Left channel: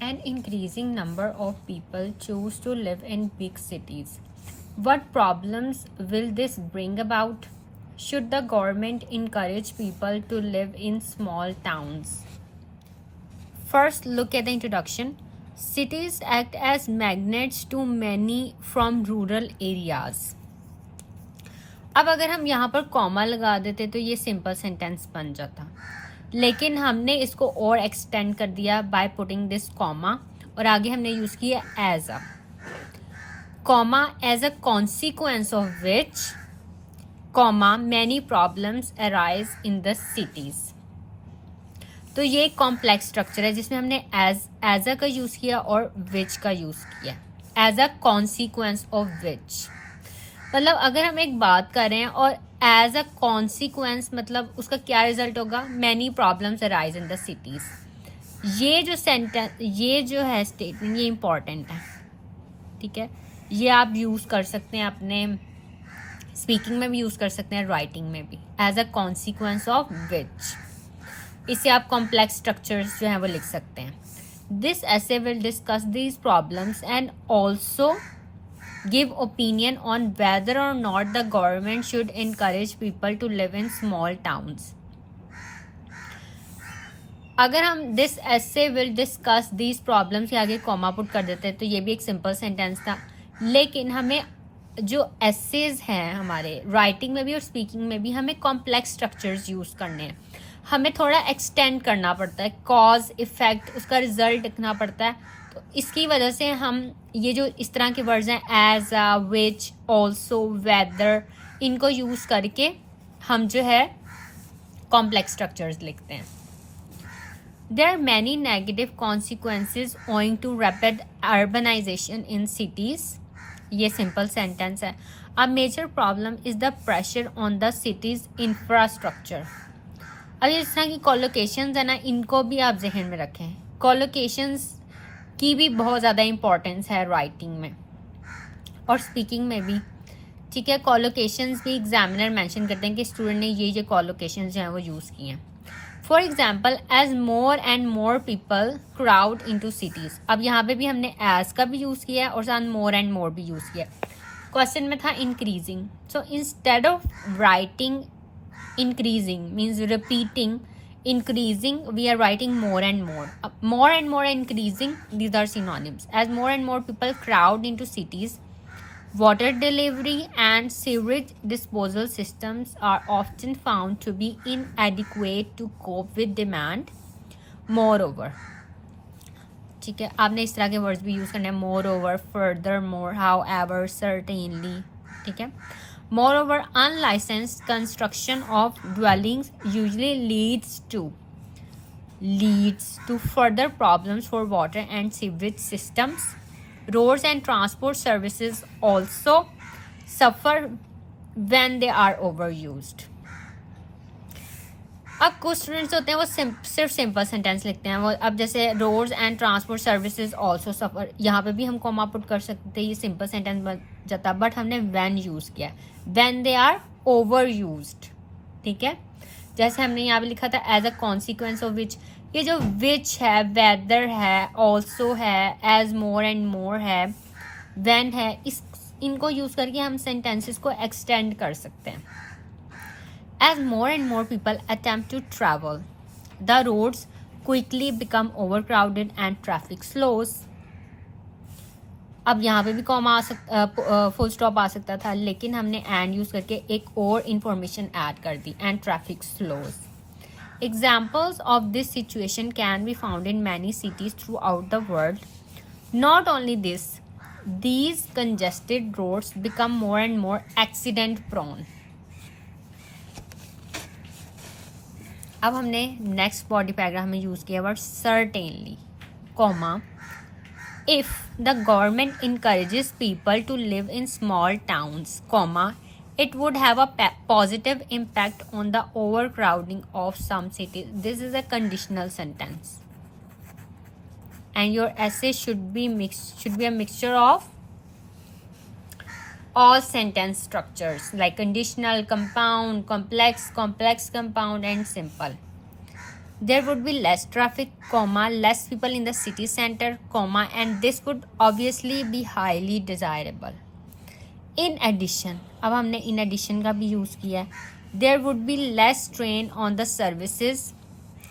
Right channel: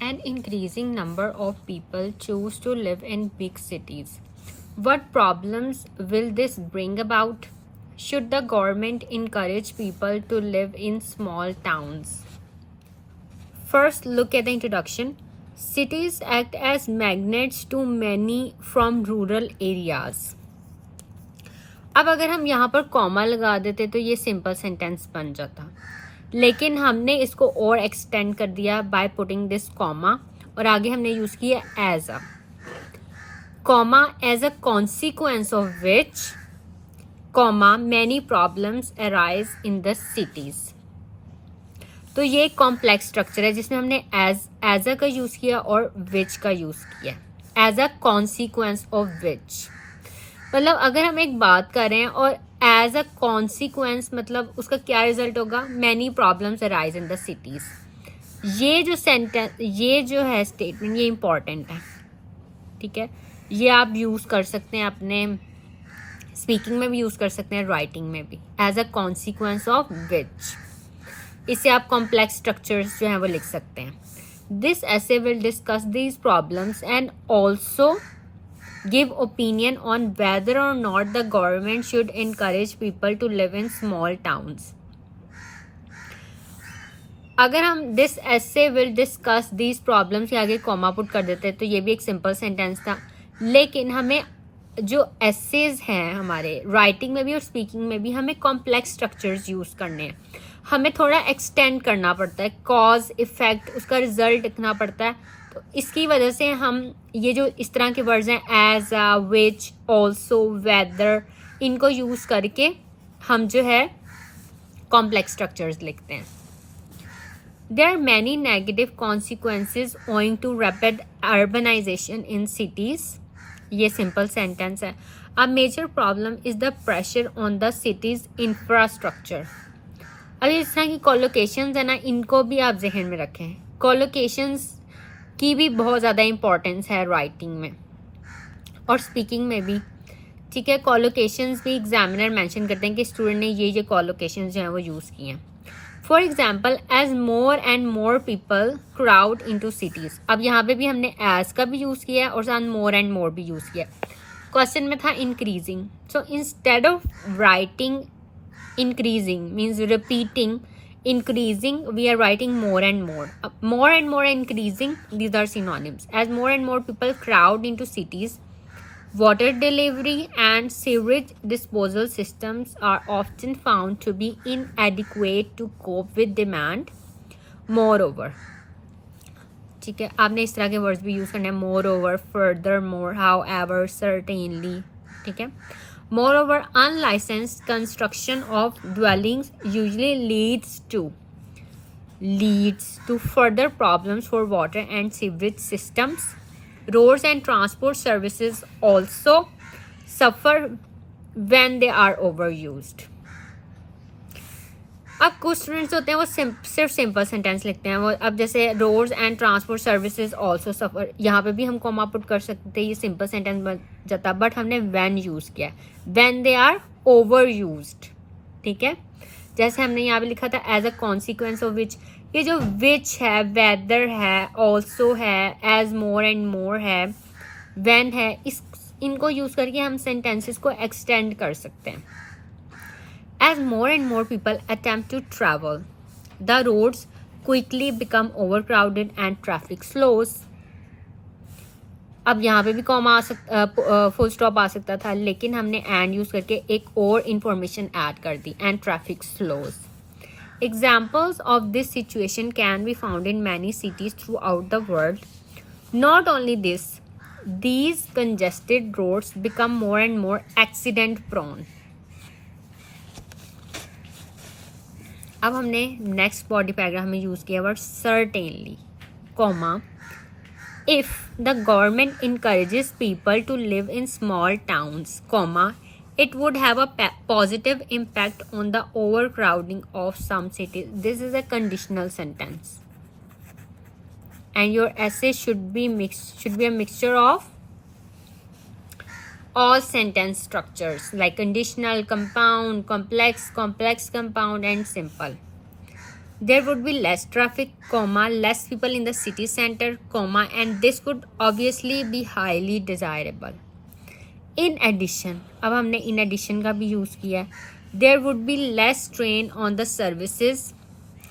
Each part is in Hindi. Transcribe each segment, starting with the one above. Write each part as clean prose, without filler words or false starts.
An increasing number of people choose to live in big cities. What problems will this bring about? Should the government encourage people to live in small towns? First, look at the introduction. Cities act as magnets to many from rural areas. अब अगर हम यहाँ पर कॉमा लगा देते तो ये सिंपल सेंटेंस बन जाता, लेकिन हमने इसको और एक्सटेंड कर दिया बाय पुटिंग दिस कॉमा, और आगे हमने यूज किया as a comma, as a consequence of which comma many problems arise in the cities. तो ये एक कॉम्प्लेक्स स्ट्रक्चर है जिसमें हमने एज अ का यूज किया और विच का यूज किया. As a consequence of which मतलब अगर हम एक बात कर रहे हैं और एज अ कॉन्सिक्वेंस मतलब उसका क्या रिजल्ट होगा, many problems arise in the cities. ये जो सेंटेंस, ये जो है स्टेटमेंट, ये इंपॉर्टेंट है. ठीक है, ये आप यूज कर सकते हैं अपने स्पीकिंग में भी यूज कर सकते हैं, राइटिंग में भी. As a consequence of which, इससे आप कॉम्प्लेक्स स्ट्रक्चर्स जो हैं वो लिख सकते हैं. दिस ऐसे will discuss these problems and also give opinion on whether or not the government should encourage people to live in small towns. अगर हम this essay will discuss these problems के आगे कॉमा पुट कर देते तो ये भी एक सिंपल सेंटेंस था, लेकिन हमें जो एसेज हैं हमारे राइटिंग में भी और स्पीकिंग में भी हमें कॉम्प्लेक्स स्ट्रक्चर्स यूज करने हैं. हमें थोड़ा एक्सटेंड करना पड़ता है, कॉज इफेक्ट, उसका रिजल्ट लिखना पड़ता है. तो इसकी वजह से हम ये जो इस तरह के वर्ड्स हैं as a, which, also, whether, इनको यूज करके हम जो है कॉम्प्लेक्स स्ट्रक्चर्स लिखते हैं. There are many negative consequences owing to rapid urbanisation in cities. ये सिंपल सेंटेंस है. A major problem is the pressure on the cities infrastructure. अब इस तरह की कोलोकेशंस है ना, इनको भी आप जहन में रखें. कोलोकेशंस की भी बहुत ज़्यादा इंपॉर्टेंस है राइटिंग में और स्पीकिंग में भी. ठीक है, कोलोकेशंस भी एग्जामिनर मेंशन करते हैं कि स्टूडेंट ने ये कोलोकेशंस जो हैं वो यूज़ किए हैं. For example, as more and more people crowd into cities. अब यहाँ पे भी हमने एज का भी यूज़ किया है और साथ मोर एंड मोर भी यूज़ किया. क्वेश्चन में था increasing, so instead of writing increasing means repeating, increasing we are writing more and more. More and more and increasing, these are synonyms. As more and more people crowd into cities, water delivery and sewage disposal systems are often found to be inadequate to cope with demand. Moreover, ठीक है, आपने इस तरह के वर्ड्स भी यूज करने हैं. moreover, furthermore, however, certainly. ठीक है. Moreover, unlicensed construction of dwellings usually leads to further problems for water and sewage systems. Roads and transport services also suffer when they are overused. अब कुछ स्टूडेंट्स होते हैं वो सिर्फ सिंपल सेंटेंस लिखते हैं. वो अब जैसे roads and transport services also suffer, यहाँ पे भी हम कॉमा पुट कर सकते हैं, ये सिंपल सेंटेंस बन जाता, बट हमने व्हेन यूज़ किया, when they are over used. ठीक है, जैसे हमने यहाँ पे लिखा था as a consequence of which. ये जो विच है, वेदर है, ऑल्सो है, एज मोर एंड मोर है, व्हेन है, इनको यूज़ करके हम सेंटेंसेस को एक्सटेंड कर सकते हैं. As more and more people attempt to travel, the roads quickly become overcrowded and traffic slows. अब यहाँ पे भी कॉमा आ सकता, फुल स्टॉप आ सकता था, लेकिन हमने एंड यूज करके एक और इंफॉर्मेशन ऐड कर दी, and traffic slows. Examples of this situation can be found in many cities throughout the world. Not only this, these congested roads become more and more accident prone. अब हमने नेक्स्ट बॉडी पैराग्राफ में यूज़ किया word certainly, comma, if the government encourages people to live in small towns, comma, it would have a positive impact on the overcrowding of some cities. This is a conditional sentence, and your essay should be a mixture of all sentence structures like conditional, compound, complex compound, and simple. there would be less traffic, comma, less people in the city center, comma, and this would obviously be highly desirable. In addition, अब हमने in addition का भी यूज़ किया है, there would be less strain on the services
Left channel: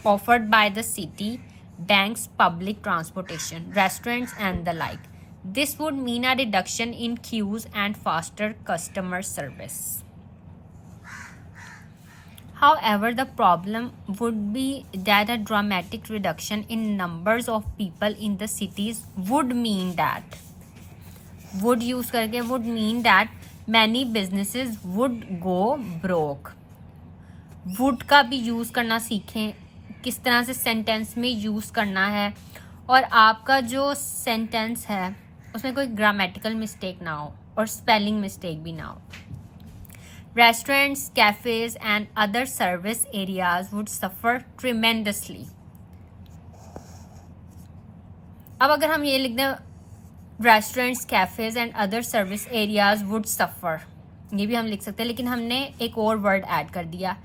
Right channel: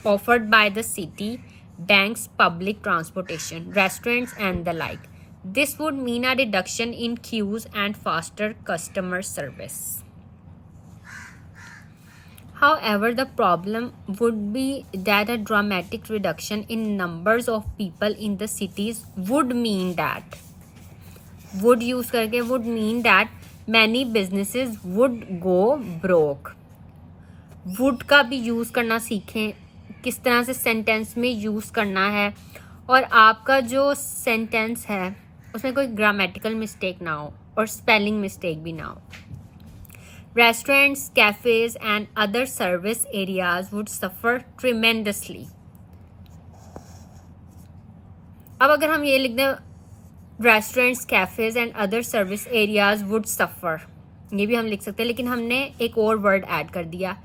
offered by the city, banks, public transportation, restaurants, and the like. This would mean a reduction in queues and faster customer service. However, the problem would be that a dramatic reduction in numbers of people in the cities would mean that would use करके would mean that many businesses would go broke. would का भी यूज़ करना सीखें, किस तरह से सेंटेंस में यूज़ करना है, और आपका जो सेंटेंस है उसमें कोई ग्रामेटिकल मिस्टेक ना हो और स्पेलिंग मिस्टेक भी ना हो. Restaurants, cafes, and other service areas would suffer tremendously. अब अगर हम ये लिख दें restaurants, cafes, and other service areas would suffer, ये भी हम लिख सकते हैं, लेकिन हमने एक और वर्ड ऐड कर दिया.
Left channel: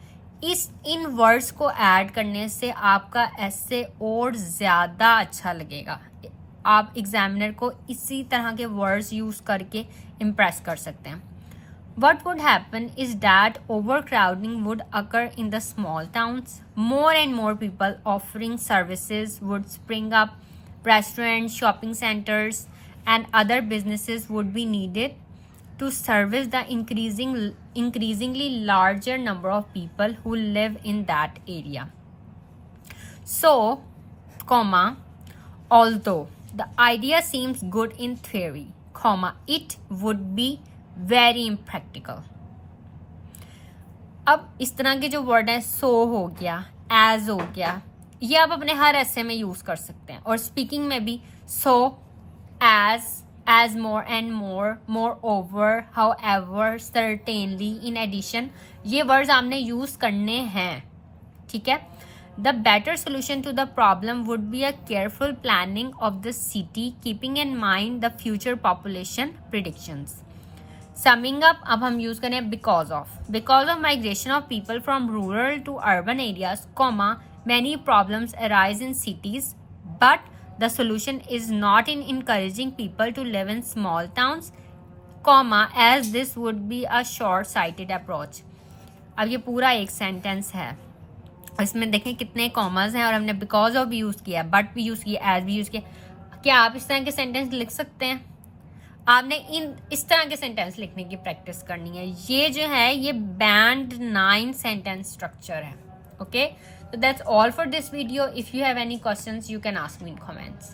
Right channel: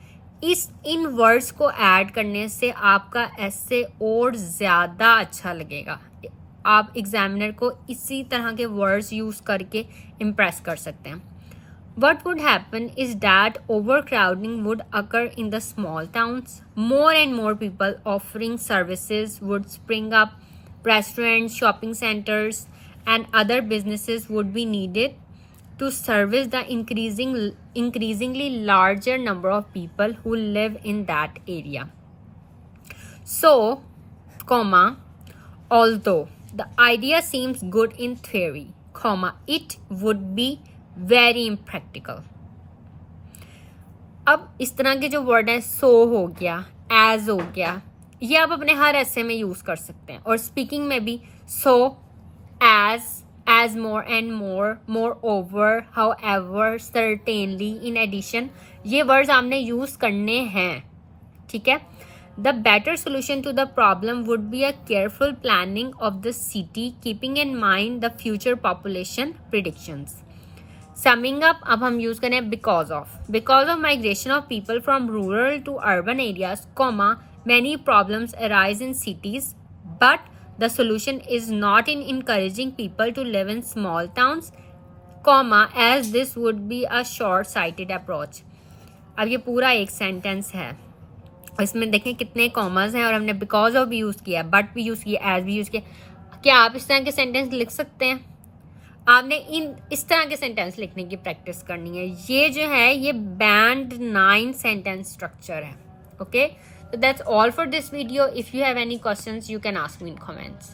इन वर्ड्स को ऐड करने से आपका ऐसे और ज़्यादा अच्छा लगेगा. आप एग्जामिनर को इसी तरह के वर्ड्स यूज़ करके इम्प्रेस कर सकते हैं. What would happen is that overcrowding would occur in the small towns. More and more people offering services would spring up. Restaurants, shopping centers, and other businesses would be needed to service the increasingly larger number of people who live in that area. So, comma, although the idea seems good in theory, comma, it would be very impractical. अब इस तरह के जो वर्ड है, सो हो गया, एज हो गया, ये आप अपने हर ऐसे में यूज़ कर सकते हैं. और स्पीकिंग में भी so, as more and more, moreover, however, certainly, in addition, ये वर्ड्स आपने यूज़ करने हैं. ठीक है. The better solution to the problem would be a careful planning of the city, keeping in mind the future population predictions. Summing up, अब हम यूज़ करें because of migration of people from rural to urban areas, comma, many problems arise in cities, but the solution is not in encouraging people to live in small towns, comma, as this would be a short-sighted approach. अब ये पूरा एक सेंटेंस है, इसमें देखें कितने कॉमर्स हैं और हमने because of भी यूज़ किया, but भी यूज़ किया, as भी यूज़ किया. क्या आप इस तरह के सेंटेंस लिख सकते हैं? आपने इस तरह के सेंटेंस लिखने की प्रैक्टिस करनी है. ये जो है ये बैंड 9 सेंटेंस स्ट्रक्चर है. Okay, so that's all for this video. If you have any questions, you can ask me in comments.